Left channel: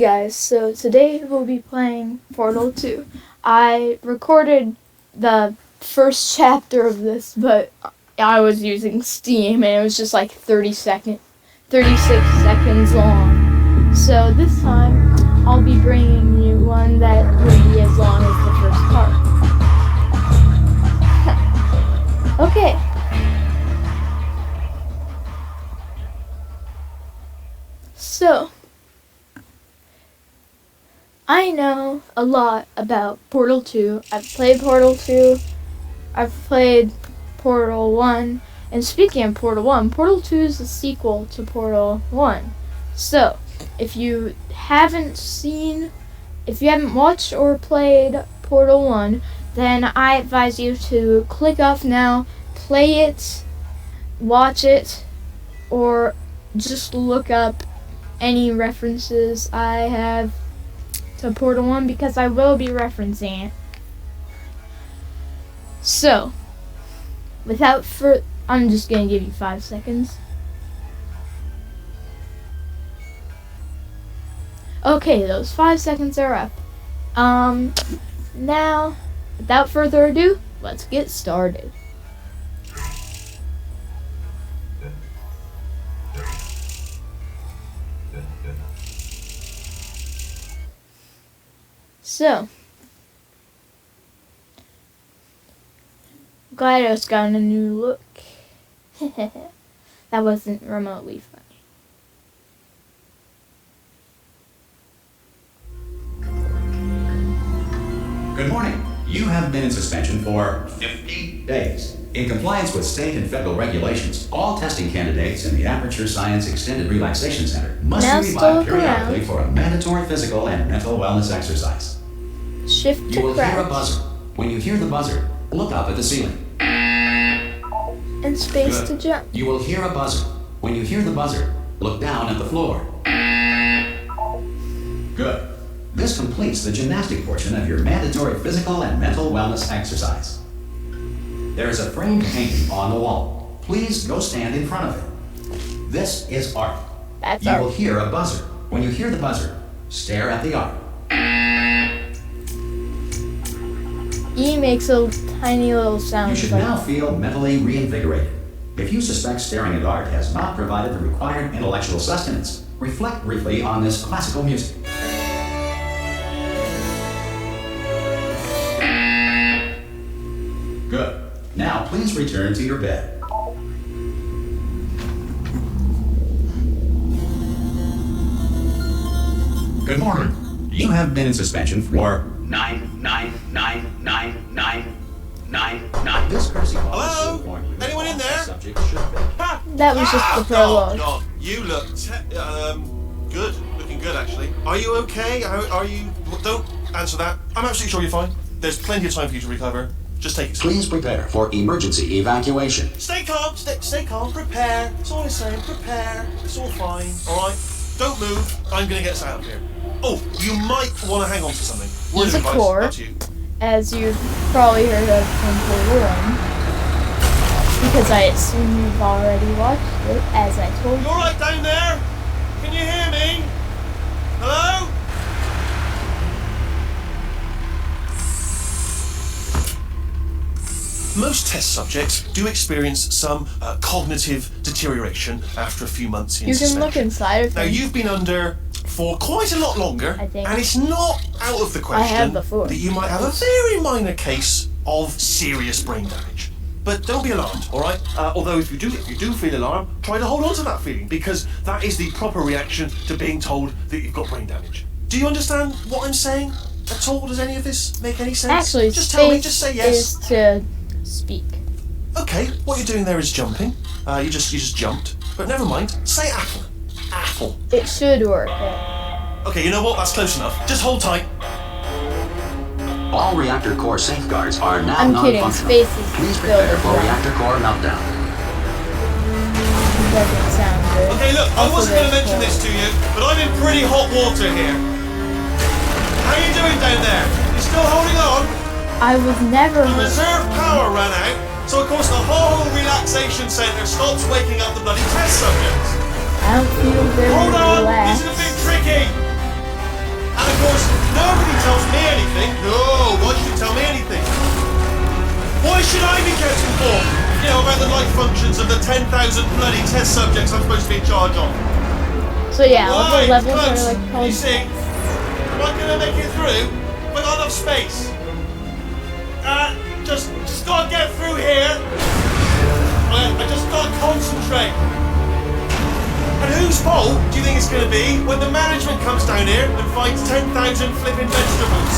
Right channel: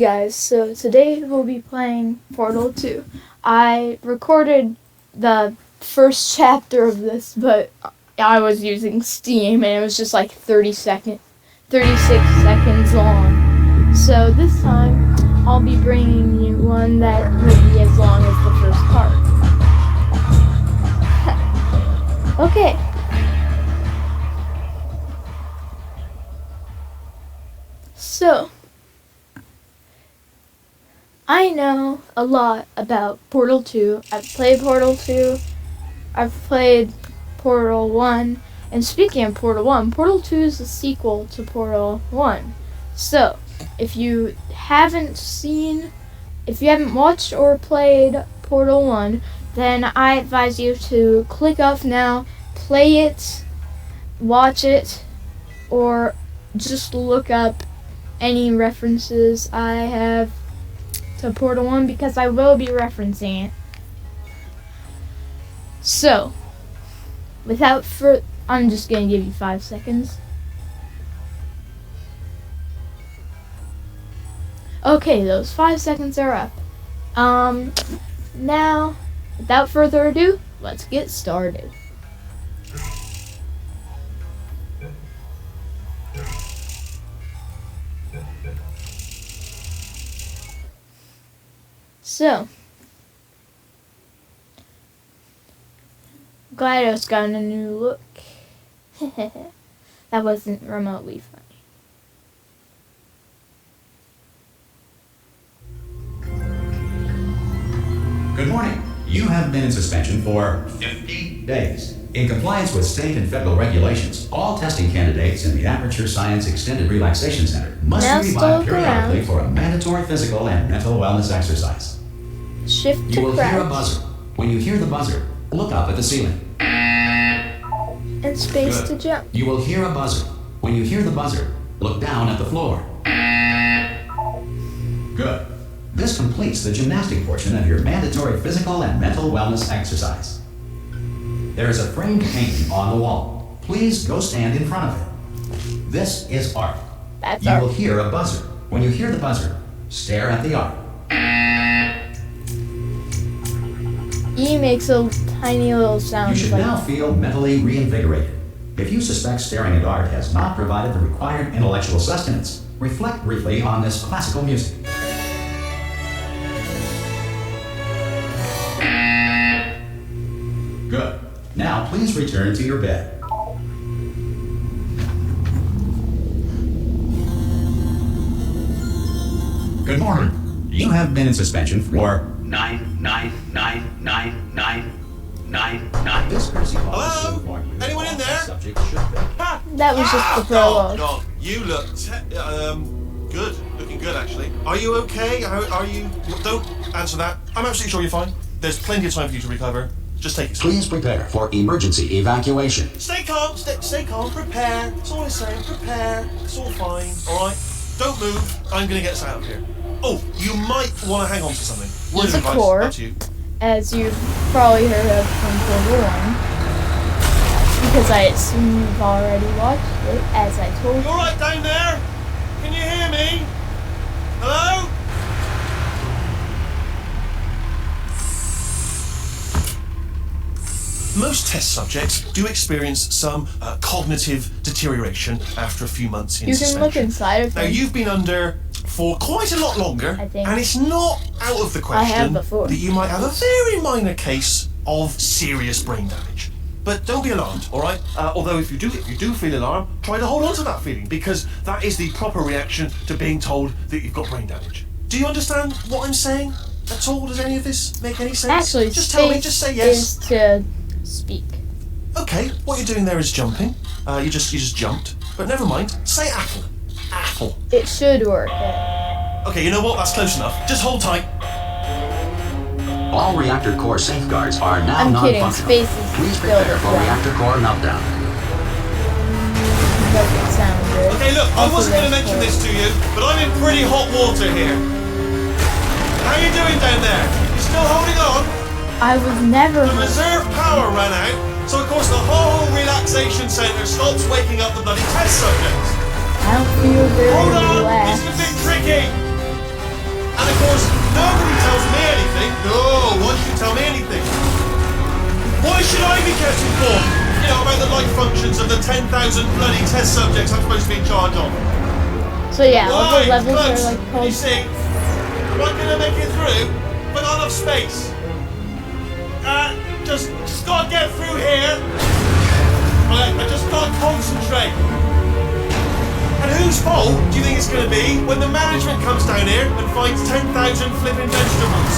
Guys, so today we'll be playing Portal 2. I recorded the first chapter of this, but I was using Steam and it was just like 36 seconds long. So this time I'll be bringing you one that will be as long as the first part. Okay. So I know a lot about Portal 2. I've played Portal 2. I've played Portal 1. And speaking of Portal 1, Portal 2 is a sequel to Portal 1. So, if you haven't watched or played Portal 1, then I advise you to click off now, play it, watch it, or just look up any references I have to Portal 1 because I will be referencing it. So, I'm just going to give you 5 seconds. Okay, those 5 seconds are up. Now, without further ado, let's get started. So, GLaDOS got a new look. That wasn't remotely funny. Good morning. You have been in suspension for 50 days. In compliance with state and federal regulations, all testing candidates in the Aperture Science Extended Relaxation Center must Now be still revived look around. periodically for a mandatory physical and mental wellness exercise. Shift to You will hear a crouch buzzer. When you hear the buzzer, look up at the ceiling. and space Good. to jump. You will hear a buzzer. When you hear the buzzer, look down at the floor. Good. This completes the gymnastic portion of your mandatory physical and mental wellness exercise. There's a framed painting on the wall. Please go stand in front of it. This is art. That's You art. will hear a buzzer. When you hear the buzzer, stare at the art. E makes a tiny little You sound should like now feel mentally reinvigorated. If you suspect staring at art has not provided the required intellectual sustenance, reflect briefly on this classical music. Good. Now please return to your bed. Good morning. You have been in suspension for 9. This person Hello? Anyone in there? that was just the prologue. Oh, you look good. Looking good, actually. Are you okay? Are you? Don't answer that. I'm absolutely sure you're fine. There's plenty of time for you to recover. Just take it slow. Please prepare for emergency evacuation. Stay calm. Stay calm. Prepare. That's all I'm saying. Prepare. It's all fine. All right. Don't move. I'm gonna get us out of here. Oh, you might want to hang on to something. He's a Advice, core, up to you. as you've probably heard of from Portal 1. Because I assume you've already watched it, as I told You you. all right down there? Can you hear me? Hello? Most test subjects do experience some cognitive deterioration after a few months in You can suspension. look inside of Now, him. you've been under for quite a lot longer, I think. and it's not out of the I question have before. that you might have a very minor case of serious brain damage. But don't be alarmed, all right? Although if you do feel alarmed, try to hold on to that feeling, because that is the proper reaction to being told that you've got brain damage. Do you understand what I'm saying at all? Does any of this make any sense? Actually, just tell me, space just say yes. is to speak. Okay, what you're doing there is jumping. You just jumped. But never mind. Say apple. Apple. It should work. Yeah. Okay, you know what? That's close enough. Just hold tight. All reactor core safeguards are now I'm kidding. non-functional. Space is Please still the prepare for jump. reactor core meltdown. It doesn't sound good. Okay, look, I Also, wasn't going to there's mention this to you, but I'm in pretty hot water here. How are you doing down there? Still holding on? I was never The reserve power ran out, so of course the whole relaxation centre stops waking up the bloody test subjects. I don't feel very Hold on, this relaxed. is a bit tricky. all the levels are like called. You see, am I gonna make it through? But not enough space. Just gotta get through here. I just can't concentrate. And whose fault do you think it's gonna be when the management comes down here and finds 10,000 flipping vegetables?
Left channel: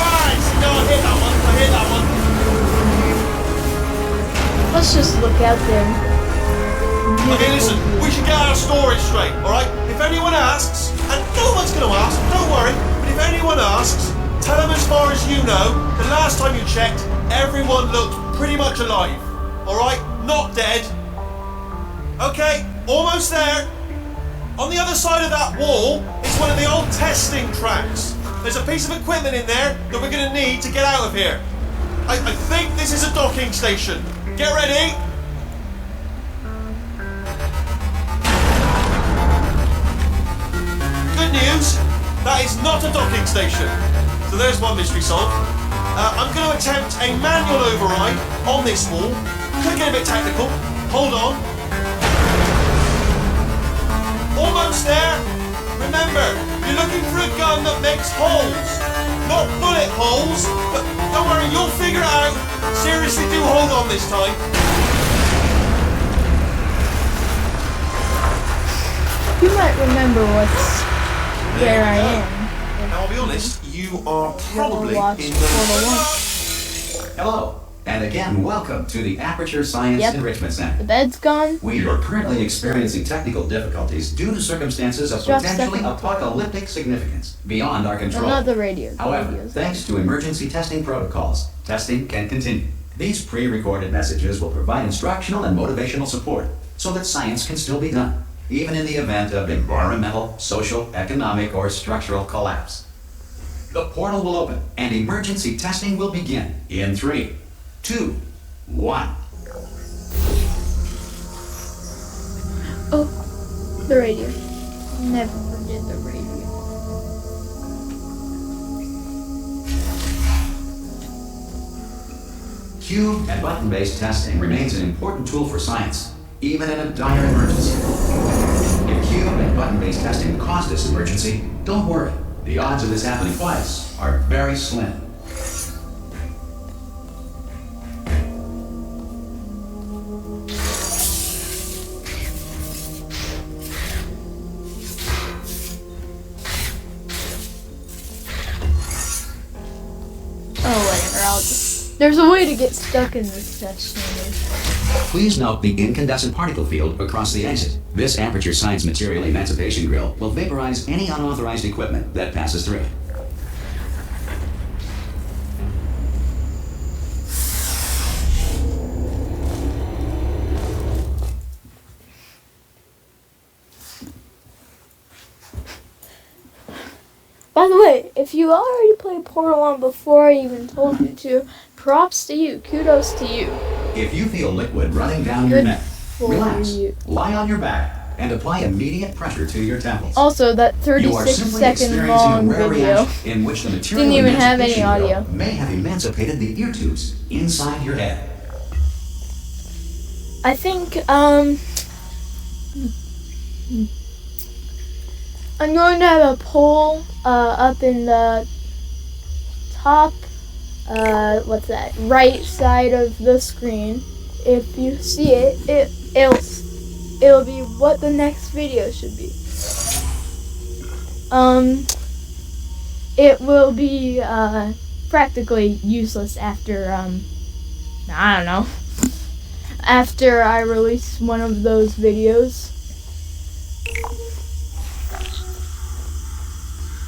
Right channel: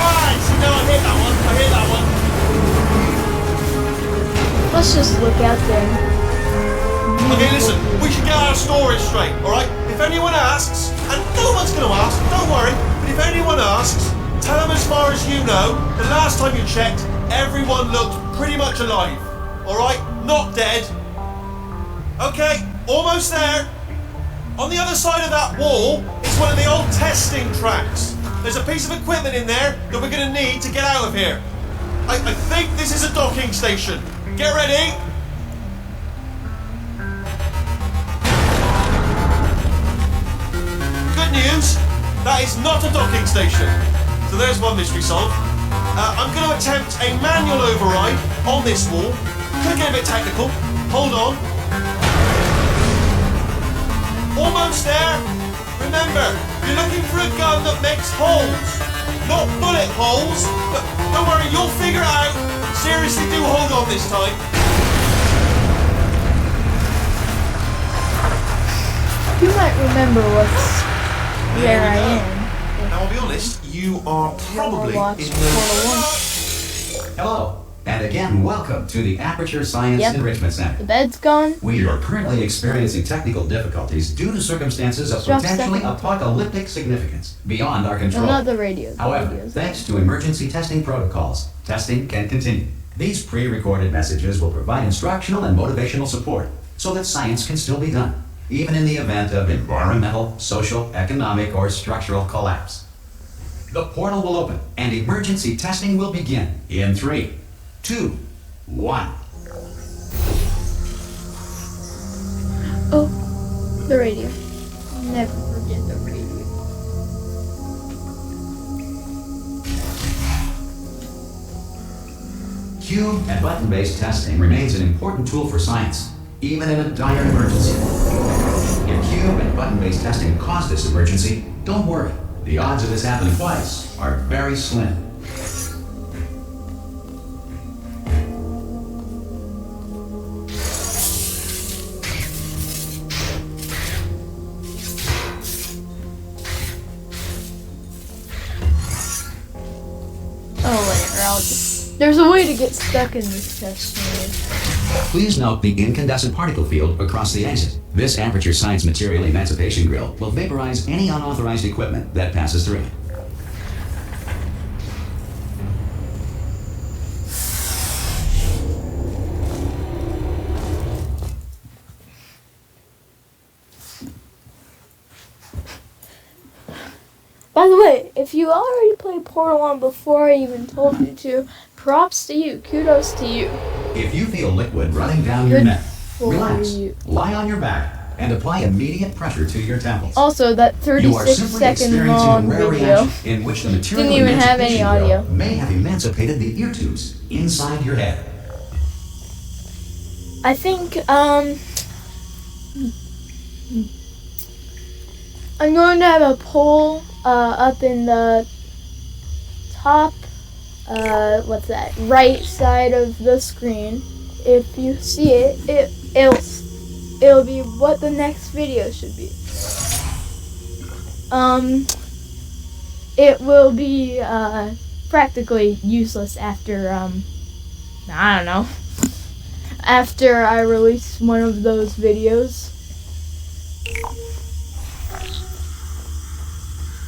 Right, no, I hear that one. I hear that one. Let's just look out there. Okay, listen, Beautiful. we should get our story straight, alright? If anyone asks, and no one's gonna ask, don't worry, but if anyone asks, tell them as far as you know, the last time you checked, everyone looked pretty much alive. Alright? Not dead. Okay, almost there. On the other side of that wall is one of the old testing tracks. There's a piece of equipment in there that we're gonna need to get out of here. I think this is a docking station. Get ready. Good news, that is not a docking station. So there's one mystery solved. I'm going to attempt a manual override on this wall. Could get a bit technical. Hold on. Almost there. Remember, you're looking for a gun that makes holes. Not bullet holes. But don't worry, you'll figure it out. Seriously, do hold on this time. You might remember where I am. Now, I'll be honest, you are You wanna probably watch in Portal 1. Hello, and again, welcome to the Aperture Science Yep. Enrichment Center. The bed's gone. We are currently experiencing technical difficulties due to circumstances of Drop potentially second to it. apocalyptic significance beyond our control. Another radio. However, Radios. thanks to emergency testing protocols, testing can continue. These pre-recorded messages will provide instructional and motivational support so that science can still be done, even in the event of environmental, social, economic, or structural collapse. The portal will open and emergency testing will begin in 3, 2, 1. Oh, the radio. Never forget the radio. Cube and button-based testing remains an important tool for science, even in a dire emergency. If cube and button-based testing caused this emergency, don't worry. The odds of this happening twice are very slim. Oh, whatever. I'll just. There's a way to get stuck in this test chamber. Please note the incandescent particle field across the exit. This aperture science material emancipation grill will vaporize any unauthorized equipment that passes through it. By the way, if you already played Portal 1 before I even told you to, props to you. Kudos to you. If you feel liquid running down your Good neck, for relax, you. lie on your back, and apply immediate pressure to your temples. Also, that You are 36 simply second experiencing long a rare video reaction in which the material didn't even have any emancipation audio. grill may have emancipated the ear tubes inside your head. I think, I'm going to have a poll, up in the top, what's that, right side of the screen. If you see it, it'll be what the next video should be. It will be, practically useless after, I don't know. After I release one of those videos.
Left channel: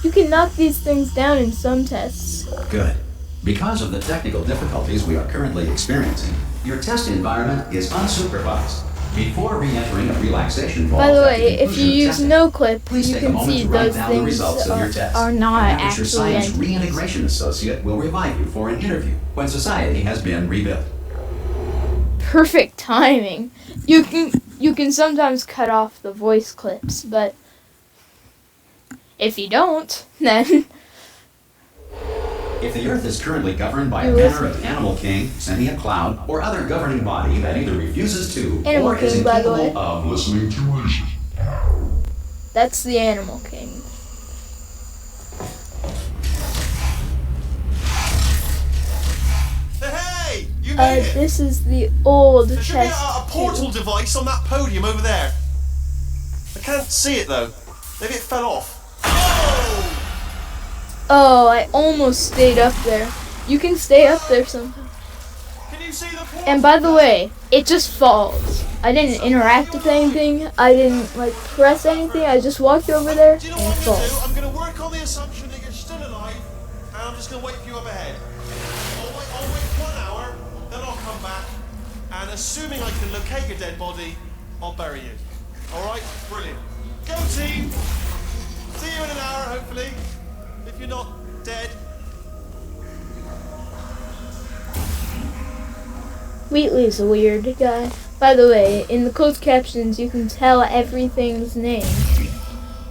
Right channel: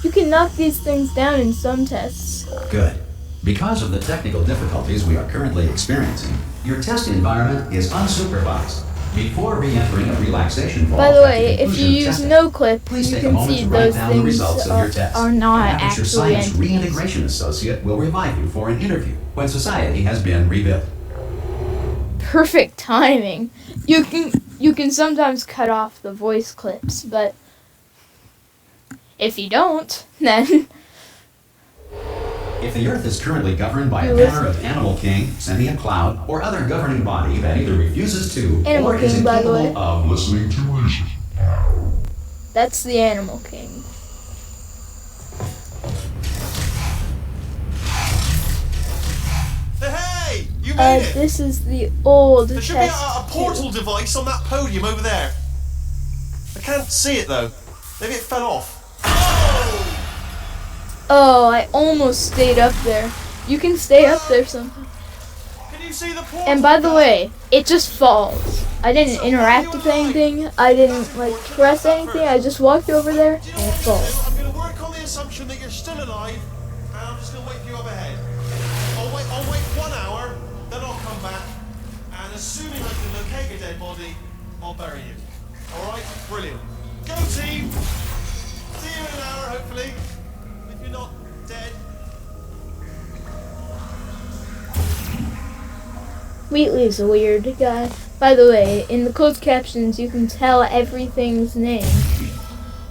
You can knock these things down in some tests. Good. Because of the technical difficulties we are currently experiencing, your test environment is unsupervised. Before re-entering a relaxation vault, By the way, at if you conclusion of use testing, no clip, please you take a can moment see to write those down the things results of your test. are not Aperture actually Science entities. Reintegration Associate will revive you for an interview when society has been rebuilt. Perfect timing. You can sometimes cut off the voice clips, but if you don't, then If the Earth is currently governed by You a listen manner of Animal King, Sentient Cloud, or other governing body that either refuses to Animal or is King, by the way. incapable of listening to reason, That's the Animal King. Hey, you made it. This is the old There should be test a portal too. device on that podium over there. I can't see it though. Maybe it fell off. Oh, I almost stayed up there. You can stay up there somehow. Can you see the portal? And by the way, it just falls. I didn't interact with anything. I didn't like press anything. I just walked over there and Do you it know what falls. I'm going to work on the assumption that you're still alive, and I'm just going to wait for you up ahead. I'll wait 1 hour, then I'll come back, and assuming I can locate your dead body, I'll bury you. Alright? Brilliant. Go team! See you in an hour, hopefully. If you're not dead. Wheatley's a weird guy. By the way, in the closed captions, you can tell everything's name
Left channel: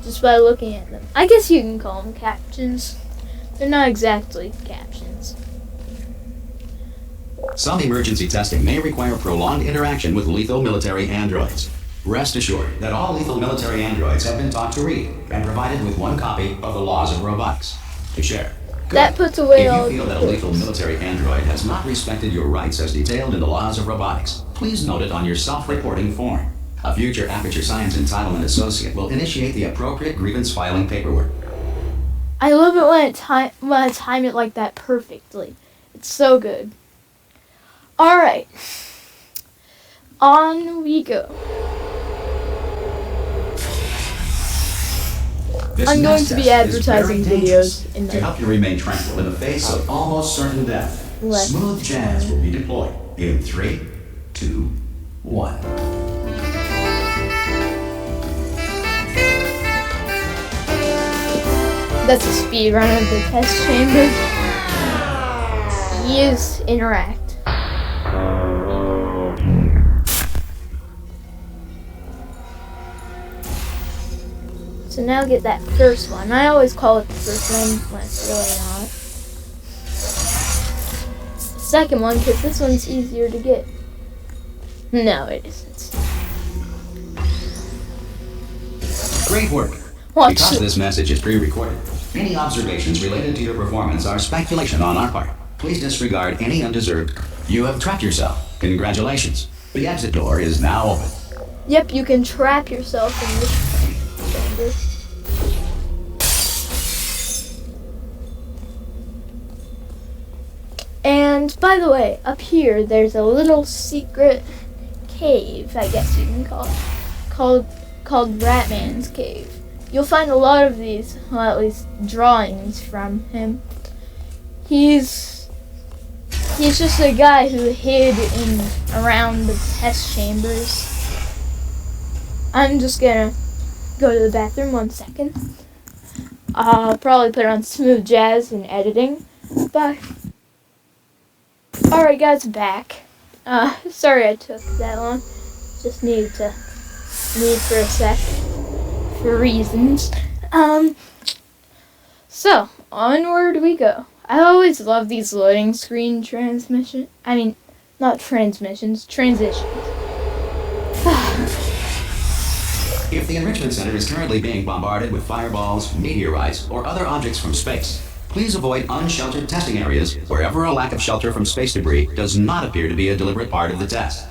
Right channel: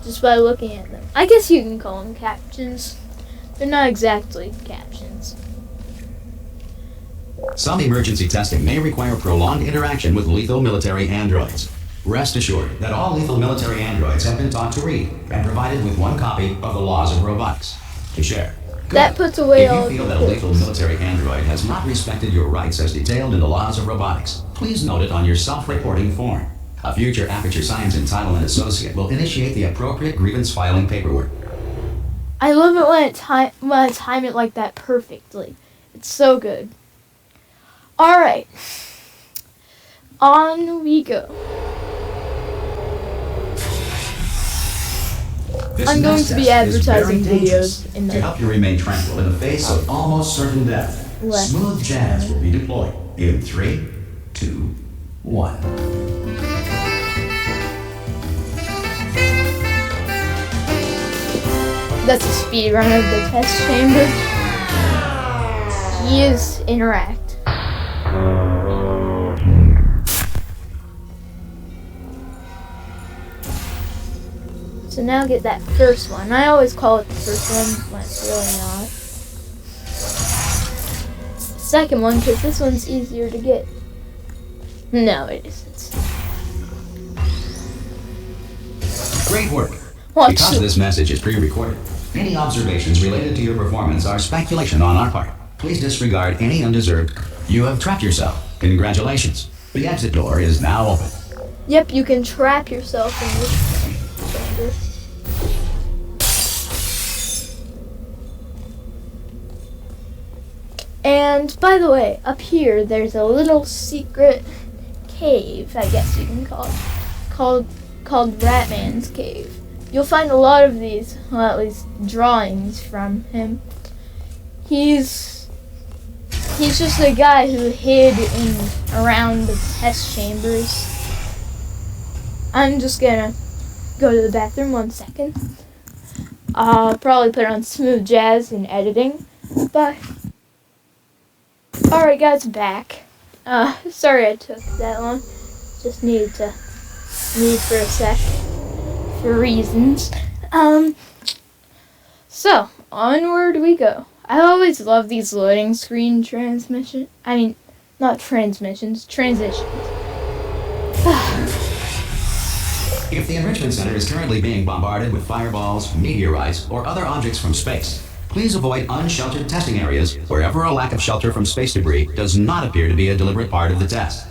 just by looking at them. I guess you can call them captions. They're not exactly captions. Some emergency testing may require prolonged interaction with lethal military androids. Rest assured that all lethal military androids have been taught to read and provided with 1 copy of the Laws of Robotics to share. That puts away all If of you feel the that a lethal points. military android has not respected your rights as detailed in the Laws of Robotics, please note it on your self-reporting form. A future Aperture Science Entitlement Associate will initiate the appropriate grievance filing paperwork. I love it when I time it like that perfectly. It's so good. Alright. On we go. This I'm going next to be test is advertising very dangerous. videos in To the help you remain tranquil in the face of almost certain death, left smooth jazz will be deployed in 3, 2, 1. That's a speed run of the test chamber. Use interact. So now get that first one. I always call it the first one when it's really not. Second one, because this one's easier to get. No, it isn't. Great work. Watch Because this. this message is pre-recorded, any observations related to your performance are speculation on our part. Please disregard any undeserved. You have trapped yourself. Congratulations. The exit door is now open. Yep, you can trap yourself in this chamber. And by the way, up here there's a little secret cave, I guess you can call it, called Ratman's Cave. You'll find a lot of these, well, at least drawings from him. He's just a guy who hid in around the test chambers. I'm just gonna go to the bathroom 1 second. I'll probably put on smooth jazz in editing. Bye. Alright guys, back. Sorry I took that long. Just needed for a sec. For reasons. So, onward we go. I always love these loading screen transitions. If the Enrichment Center is currently being bombarded with fireballs, meteorites, or other objects from space, please avoid unsheltered testing areas wherever a lack of shelter from space debris does not appear to be a deliberate part of the test.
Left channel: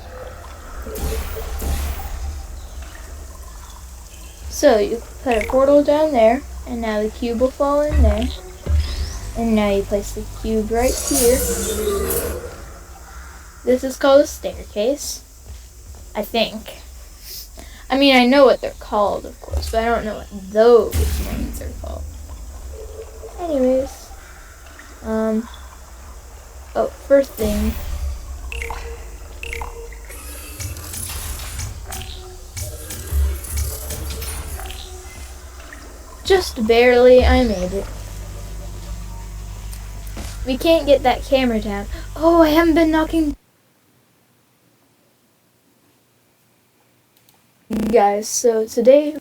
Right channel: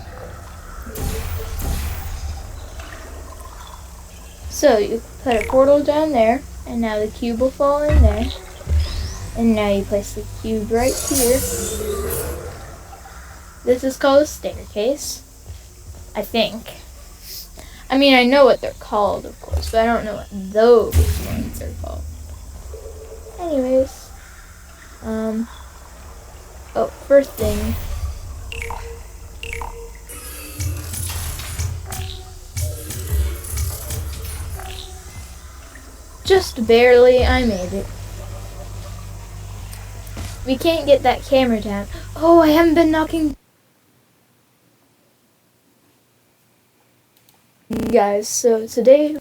So, you put a portal down there, and now the cube will fall in there. And now you place the cube right here. This is called a staircase. I think. I mean, I know what they're called, of course, but I don't know what those ones are called. Anyways. First thing. Just barely, I made it. We can't get that camera down. Oh, I haven't been knocking. Guys, so today